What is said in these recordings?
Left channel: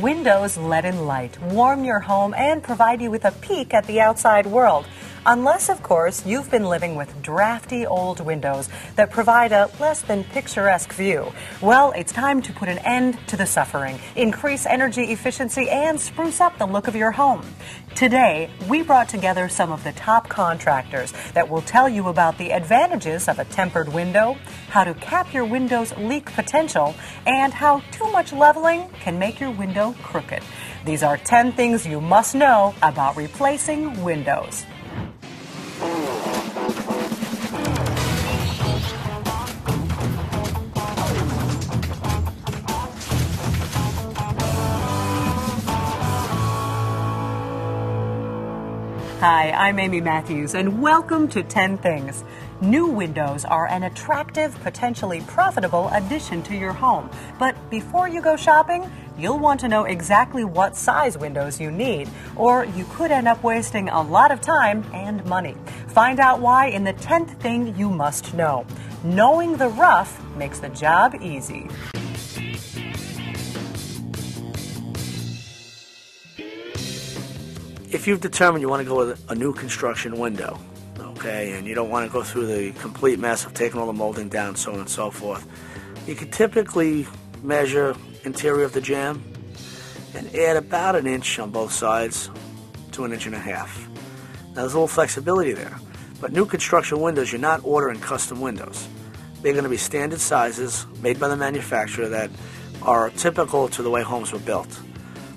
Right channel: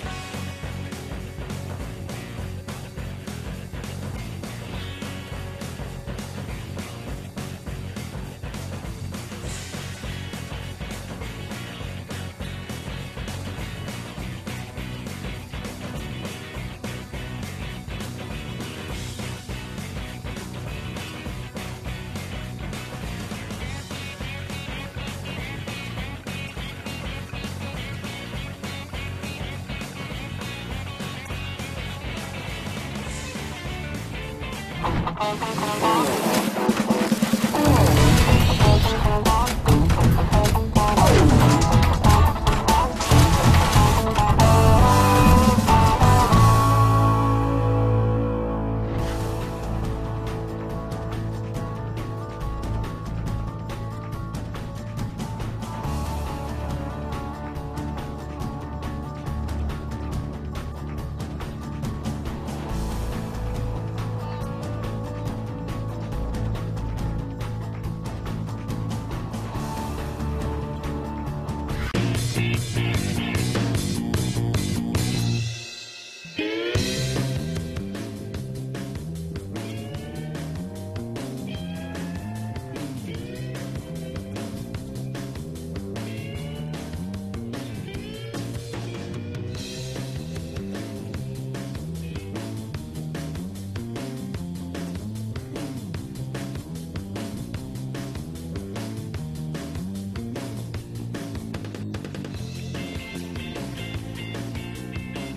Windows let in light, warm your home, and provide you with a peek at the outside world. Unless, of course, you've been living with drafty old windows that provide a less than picturesque view. Well, it's time to put an end to the suffering, increase energy efficiency, and spruce up the look of your home. Today, we brought together some of the top contractors that will tell you about the advantages of a tempered window, how to cap your window's leak potential, and how too much leveling can make your window crooked. These are 10 things you must know about replacing windows. Hi, I'm Amy Matthews, and welcome to 10 Things. New windows are an attractive, potentially profitable addition to your home. But before you go shopping, you'll want to know exactly what size windows you need, or you could end up wasting a lot of time and money. Find out why in the 10th thing you must know. Knowing the rough makes the job easy. If you've determined you want to go with a new construction window, okay, and you don't want to go through the complete mess of taking all the molding down, so on and so forth, you can typically measure interior of the jamb and add about an inch on both sides to an inch and a half. Now there's a little flexibility there, but new construction windows, you're not ordering custom windows. They're going to be standard sizes made by the manufacturer that are typical to the way homes were built.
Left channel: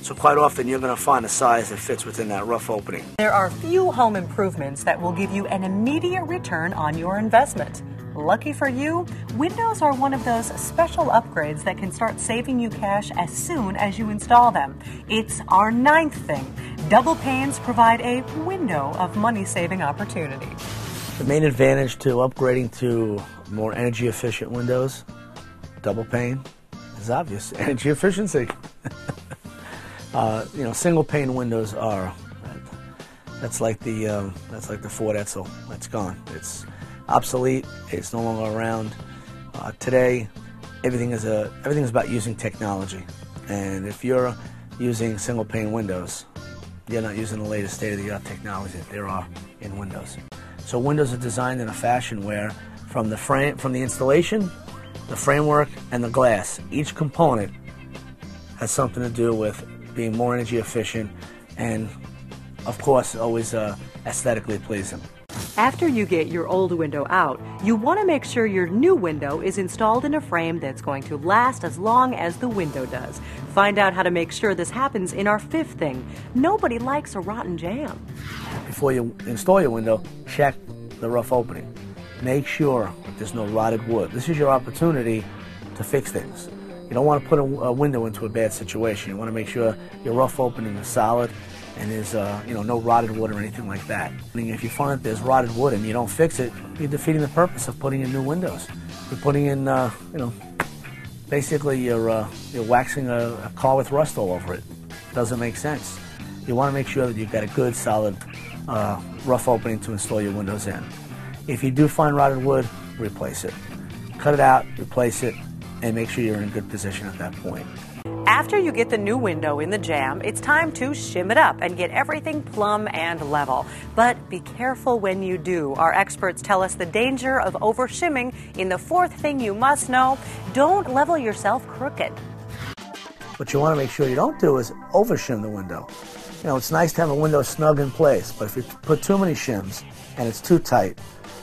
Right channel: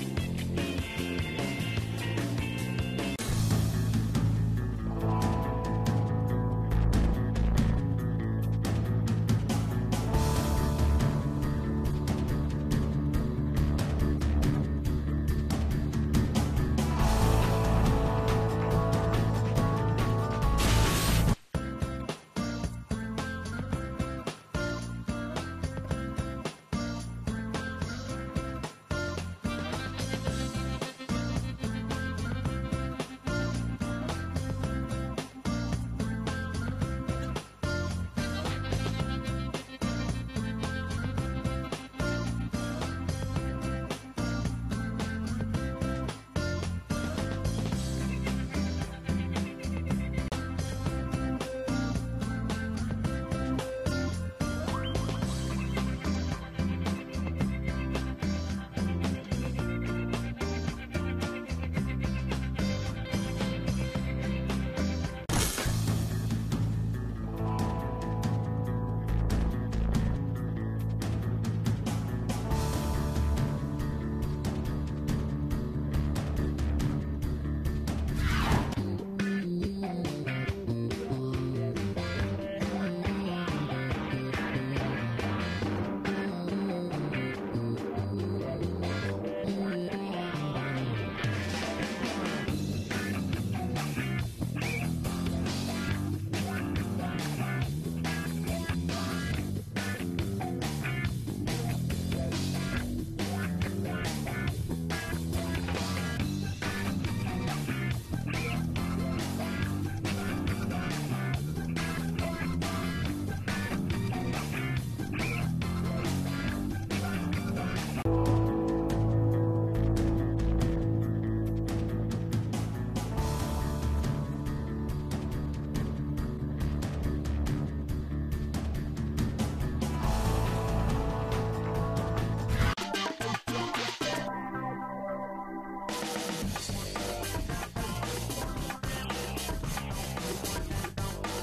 So quite often you're going to find a size that fits within that rough opening. There are few home improvements that will give you an immediate return on your investment. Lucky for you, windows are one of those special upgrades that can start saving you cash as soon as you install them. It's our 9th thing. Double panes provide a window of money-saving opportunity. The main advantage to upgrading to more energy efficient windows, double pane, is obvious, energy efficiency. Single pane windows are, that's like the Ford Edsel. It's gone. It's obsolete. It's no longer around. Today, everything is about using technology. And if you're using single pane windows, you're not using the latest state-of-the-art technology that there are in windows. So windows are designed in a fashion where, from the installation, the framework, and the glass, each component has something to do with being more energy efficient and, of course, always aesthetically pleasing. After you get your old window out, you want to make sure your new window is installed in a frame that's going to last as long as the window does. Find out how to make sure this happens in our 5th thing. Nobody likes a rotten jamb. Before you install your window, check the rough opening. Make sure there's no rotted wood. This is your opportunity to fix things. You don't want to put a window into a bad situation. You want to make sure your rough opening is solid and there's no rotted wood or anything like that. I mean, if you find that there's rotted wood and you don't fix it, you're defeating the purpose of putting in new windows. You're putting in, basically you're waxing a car with rust all over it. It doesn't make sense. You want to make sure that you've got a good, solid, rough opening to install your windows in. If you do find rotted wood, replace it. Cut it out, replace it, and make sure you're in a good position at that point. After you get the new window in the jamb, it's time to shim it up and get everything plumb and level. But be careful when you do. Our experts tell us the danger of over-shimming in the 4th thing you must know. Don't level yourself crooked. What you want to make sure you don't do is over-shim the window. It's nice to have a window snug in place, but if you put too many shims and it's too tight,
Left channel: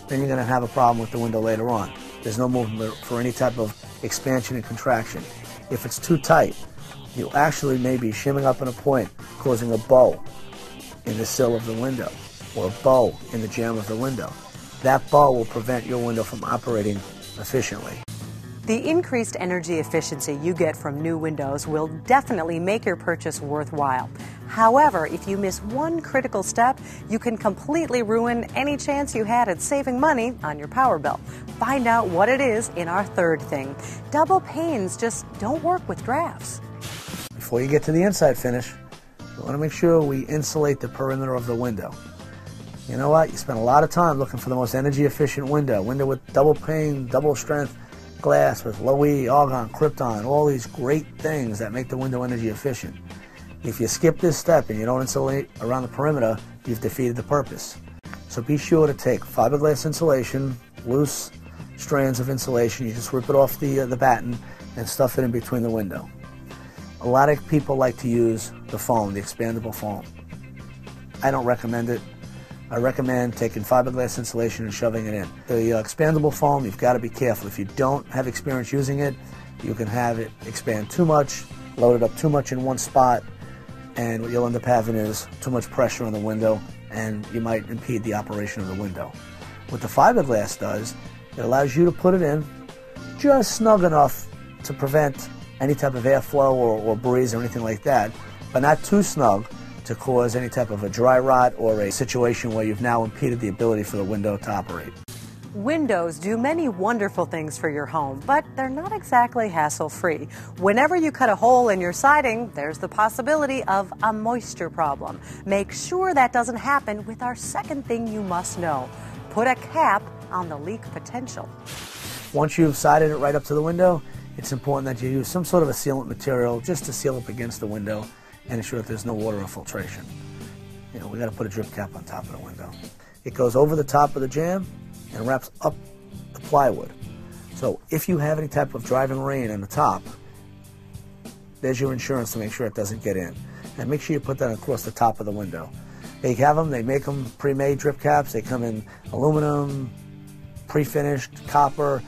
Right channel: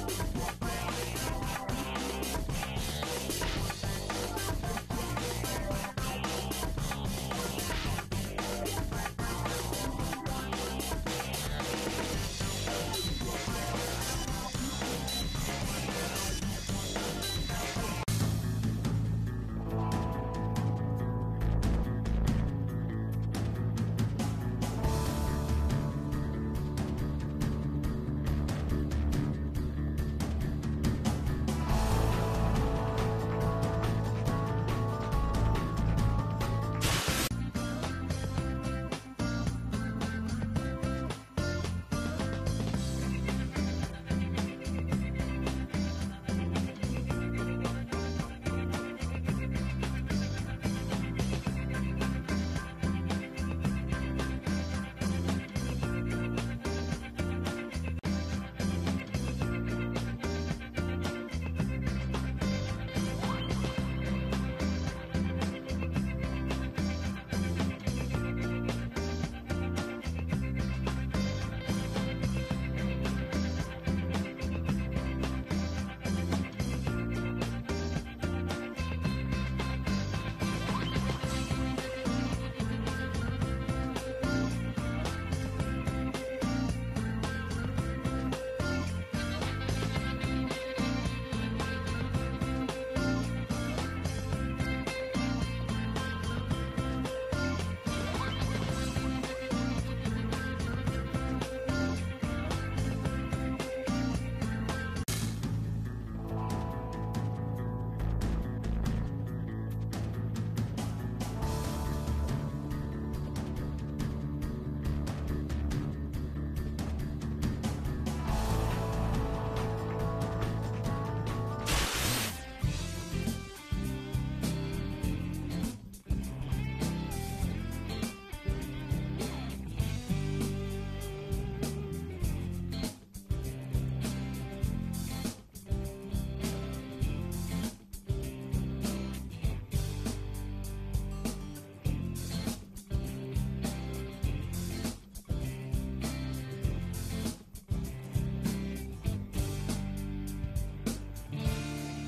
then you're going to have a problem with the window later on. There's no movement for any type of expansion and contraction. If it's too tight, you actually may be shimming up in a point, causing a bow in the sill of the window, or a bow in the jamb of the window. That bow will prevent your window from operating efficiently. The increased energy efficiency you get from new windows will definitely make your purchase worthwhile. However, if you miss one critical step, you can completely ruin any chance you had at saving money on your power bill. Find out what it is in our 3rd thing. Double panes just don't work with drafts. Before you get to the inside finish, you want to make sure we insulate the perimeter of the window. You know what? You spend a lot of time looking for the most energy efficient window with double pane, double strength. glass with low E, argon, krypton, all these great things that make the window energy efficient. If you skip this step and you don't insulate around the perimeter, you've defeated the purpose. So be sure to take fiberglass insulation, loose strands of insulation, you just rip it off the batten and stuff it in between the window. A lot of people like to use the foam, the expandable foam. I don't recommend it. I recommend taking fiberglass insulation and shoving it in. The expandable foam, you've got to be careful. If you don't have experience using it, you can have it expand too much, load it up too much in one spot, and what you'll end up having is too much pressure on the window, and you might impede the operation of the window. What the fiberglass does, it allows you to put it in just snug enough to prevent any type of airflow or breeze or anything like that, but not too snug to cause any type of a dry rot or a situation where you've now impeded the ability for the window to operate. Windows do many wonderful things for your home, but they're not exactly hassle-free. Whenever you cut a hole in your siding, there's the possibility of a moisture problem. Make sure that doesn't happen with our second thing you must know. Put a cap on the leak potential. Once you've sided it right up to the window, it's important that you use some sort of a sealant material just to seal up against the window and ensure that there's no water infiltration. You know, we got to put a drip cap on top of the window. It goes over the top of the jamb and wraps up the plywood. So if you have any type of driving rain on the top, there's your insurance to make sure it doesn't get in. And make sure you put that across the top of the window. They have them, they make them pre-made drip caps. They come in aluminum, pre-finished, copper.